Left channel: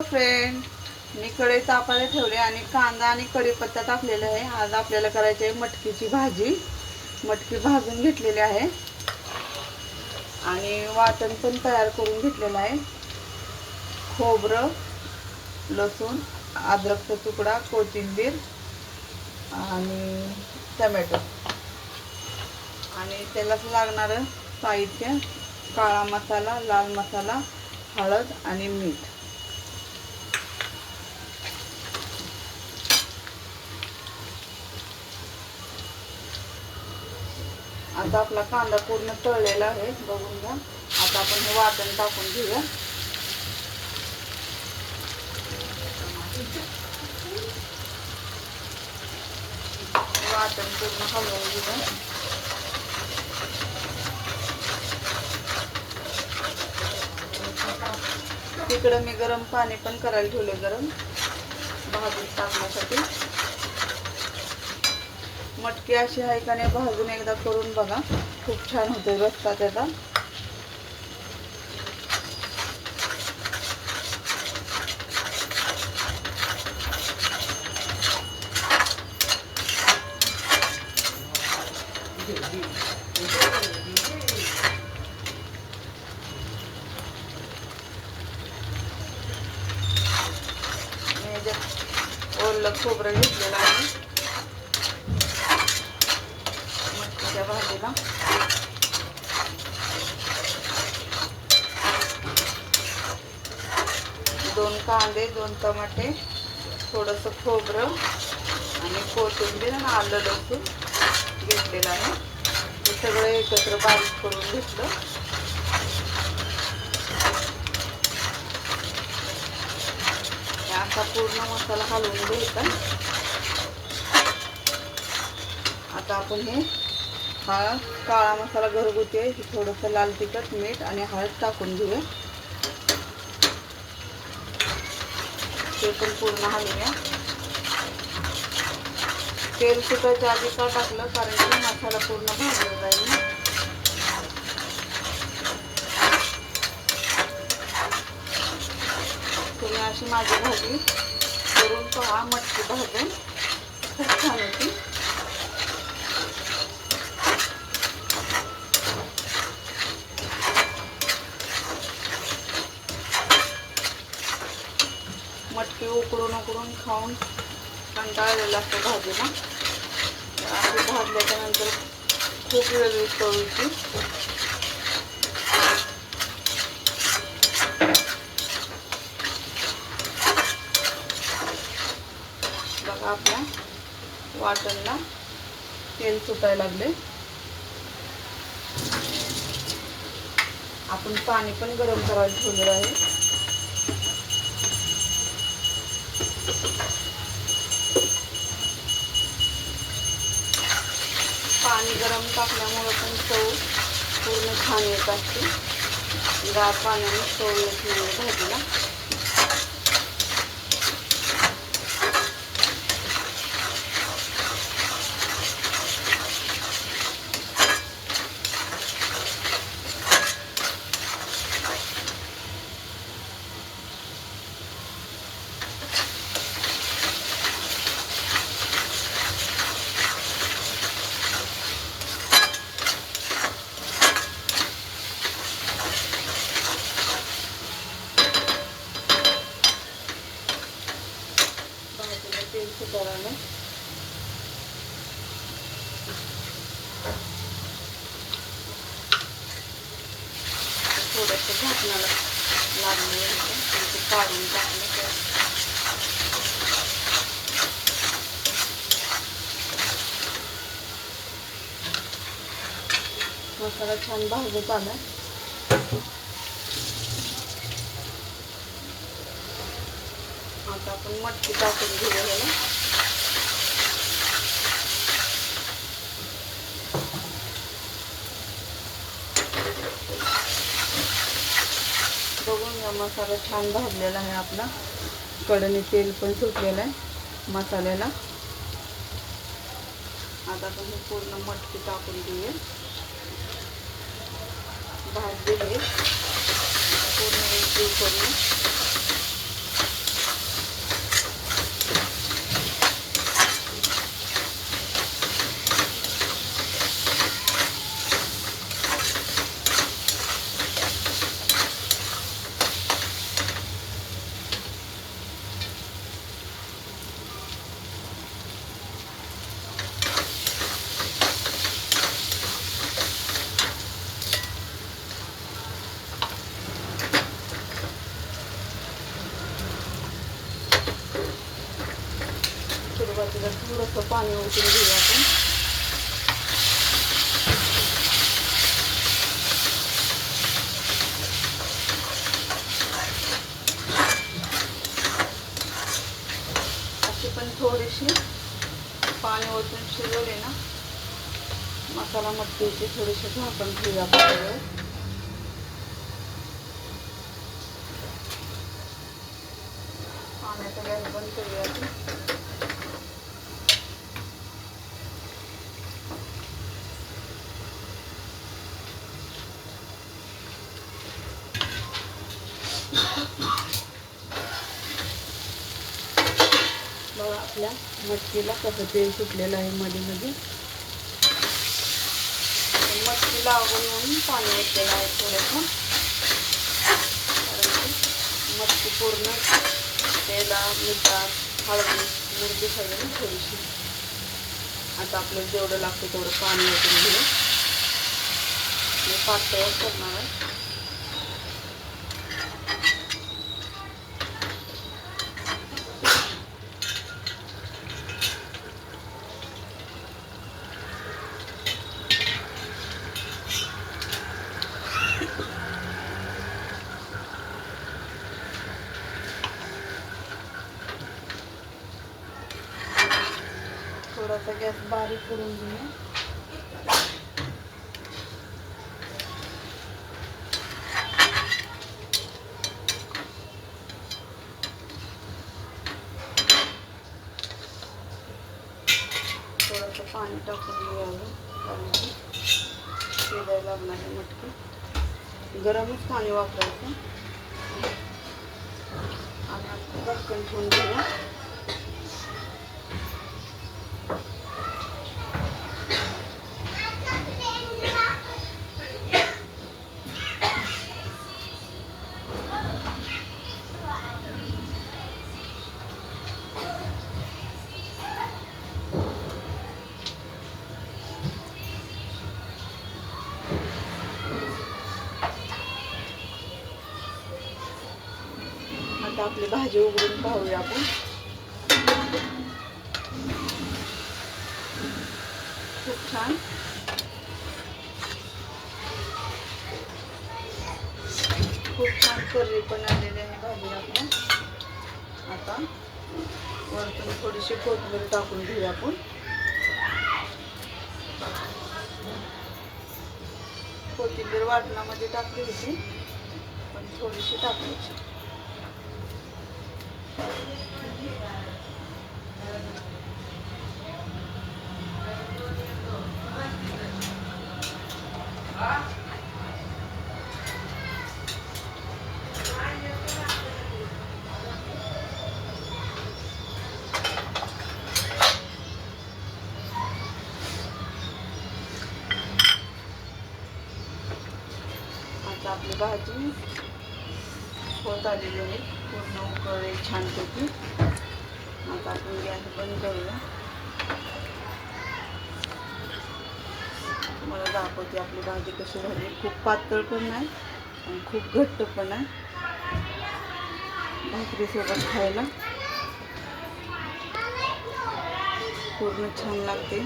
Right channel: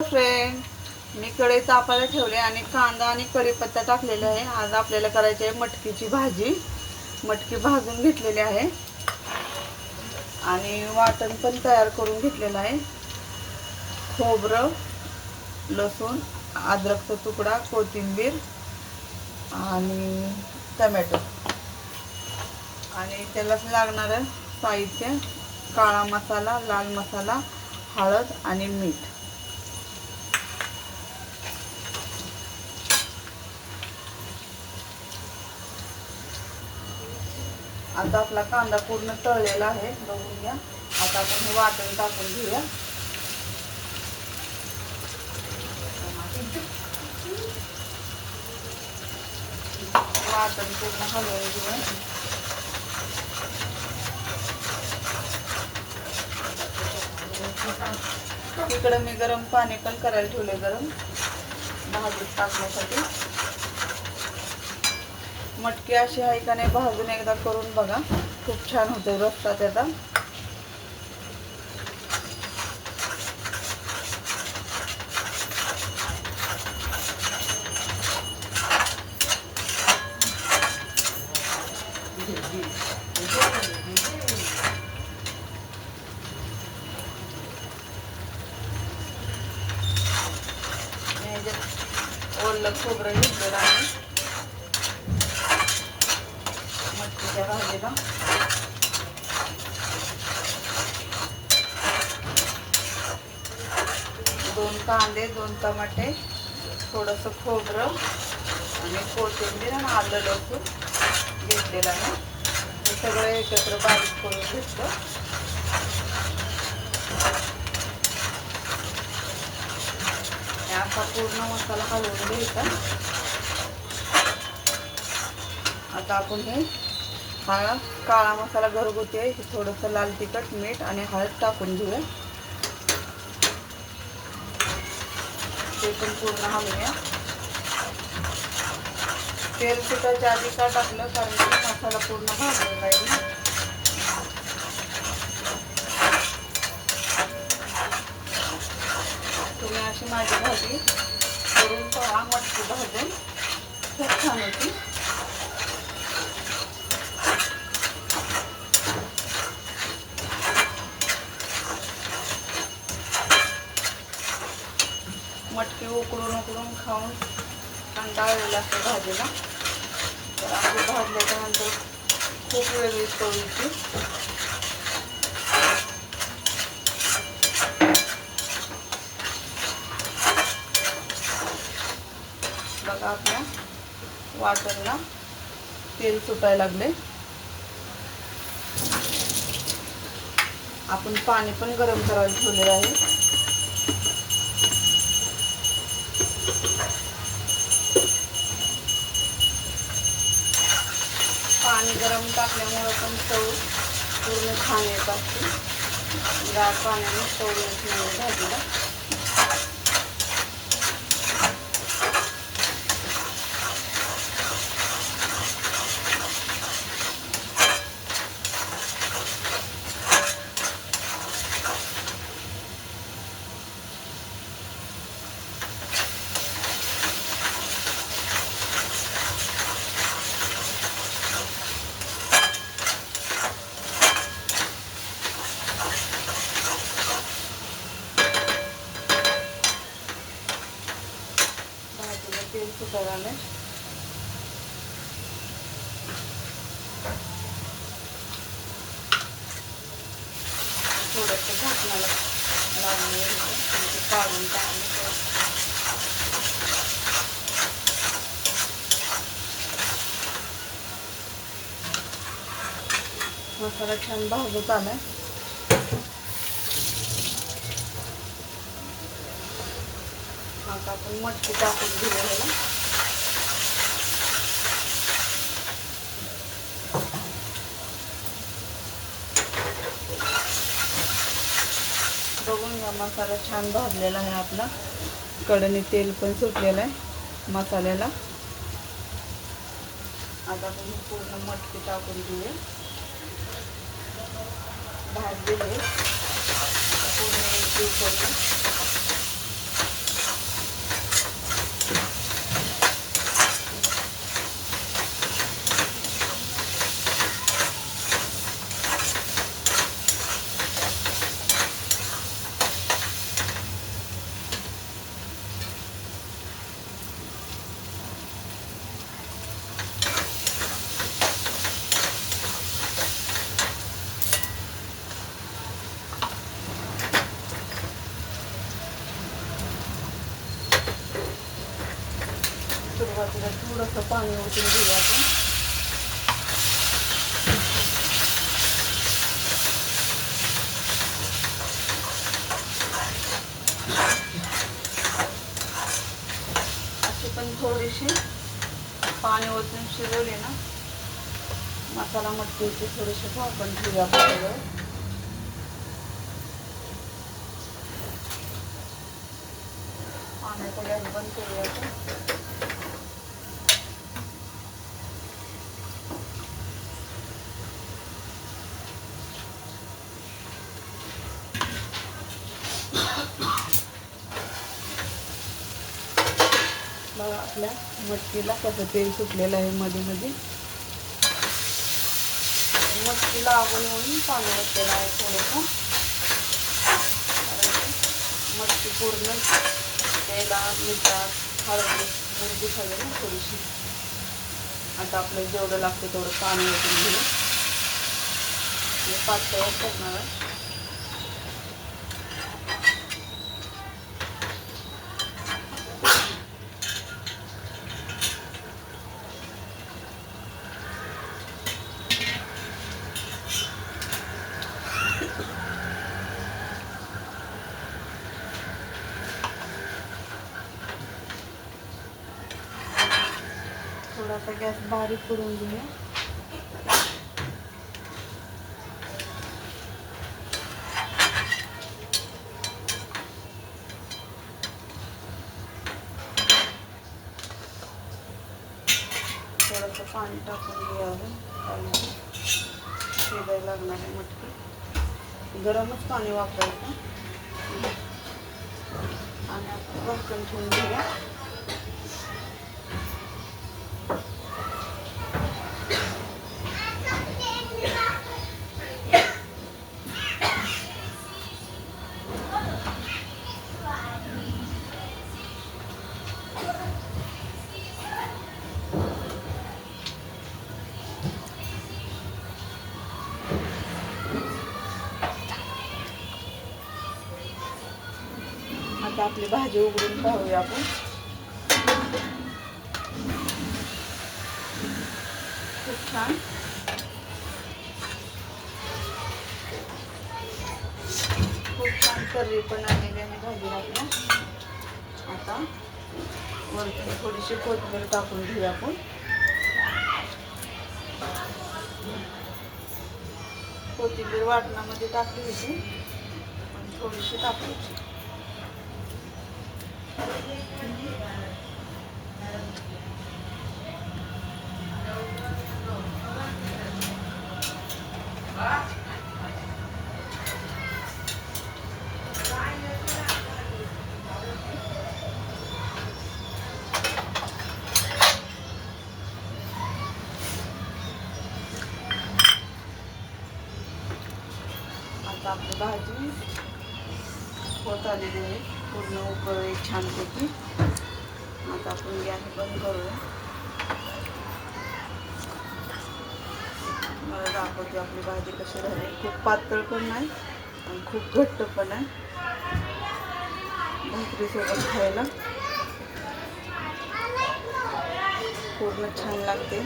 Friend मी कढई तापायला ठेवले आणि कांदा आणि कढीपत्ता टाकलेला आहे. आज आपल्याला करायची आहे मटकीची भाजी. मटकी भाजून घेतलेली आहे. आणि वाटण पण तयार करून घेतलेलं आहे. खोबरं लसूण अद्रकचा तुकडा कोथिंबीर आणि टमॅटो. आणि त्याला लागणारं साहित्य काळा मसाला लाल मसाला हळद आणि मीठ. आता आपला कांदा पूर्ण तळलेला आहे बघून घ्या. आता आपण हे वाटण टाकून घेऊया. वाटण पूर्ण हलवून घेऊया. तिकडं मी गरम पाणी पण करायला ठेवले गरम. भाजून टाकण्यासाठी. मटकी अशी आहे का नाही भाजून एकदा करून बघा. खूप छान होते रस्ता त्याचा ओलं खोबरं घेतलेलं आहे. बघा दोन कांदे दोन टमाटे थोडंसं खोबरं आणि कोथिंबीर आणि आलं लसूण घेतलेलं आहे. हे सगळं एकत्र बारीक करून घेतलं. हे असा पूर्ण मसाला हलवून घ्यायचा. आता आपण हे हा काळा मसाला घरगुती आहे हे थोडंसं लाल तिखट मीठ आणि हळद टाकून घेऊया. ते पण पूर्ण हलवूया. तेल सुटायच्या आधी का टाकलं कारण की मसाला पूर्ण भाजला पाहिजे तुम्ही अशी माझी भाजी करून पहा मटकी भाजून. खूप छान होती. ती उकडून उकडून खाऊन कंटाळलेलं असतं भाजीला. तर अशी भाजल्याच्यानंतर खूप वेगळी चवीची. बघा आपल्या वाटणला तेल सुटायला लागले. आपण पाणी पण गरम करायला ठेवलेलं आहे. पाणी गरम टाकल्यामुळं पण चव पूर्ण छान येत असते. गार पाण्याने चव येत नाही भाजीला भाजीला तेल सुटायला आलं थोडंसं झाकणाला लागले ते काढून टाकले मसाला छान भाजत आला आता आपण मटकी टाकून घेऊया. बघून घ्या मसाला छान भाजलेला आहे आपला. कडणी तेल पण सुटलेलं आहे मसाल्याला. आता आपण पूर्ण मटकी टाकून देऊया भाजलेले पूर्ण एक करून थोडंसं पाणी ओतून घेऊया आपण. अशी पण थोडीशी पाणी ओतून शिजवले ना मसाला मटकीची थोडीशी झाकण ठेवूया आपण पाणी पाण्याचा बंद करूया आपण बघा आपल्या मटकीला कसं तेल सुटलेलं आहे मध्ये मध्ये. मटकीला आवड म्हणून पाणी घेतलेलं आहे थोडंसं. मटकी पूर्ण तेला मिठात हळद मिरची सगळी थोडीशी. आता आपल्याला जेवढं लागतं तेवढं पाणी ओतून घेऊ. पातळ करणार आहे. थोडासा गॅस बारीक करून घेऊया. थोडंसं पाणी टाकून घ्यावं अजून कारण की शिजायला लागणार आहे मटकी. गरमच पाणी वापरायचं. आणि आपण झाकण ठेवून घेऊया. आता आपली भाजी उघडून पाहूया आपण. खूप छान. खूप छान करी पण आलेली आहे भाजी आपल्या. आता वरतून थोडीशी कोथिंबीर टाकून घेऊया आपण. कोथिंबीर वाटणामध्ये टाकली होती पण थोडीशी टाकायची. आपली भाजी होत आलेली आहे. पूर्ण उकळी छानपैकी आता आपण गॅस बंद करूया. तुम्हाला दाखवते आपली भाजी कशी झाली. खूप पातळ पण नाही आणि खूप घट्ट पण आहे. भाकरीसोबत खायला. पूर्ण छान लागते.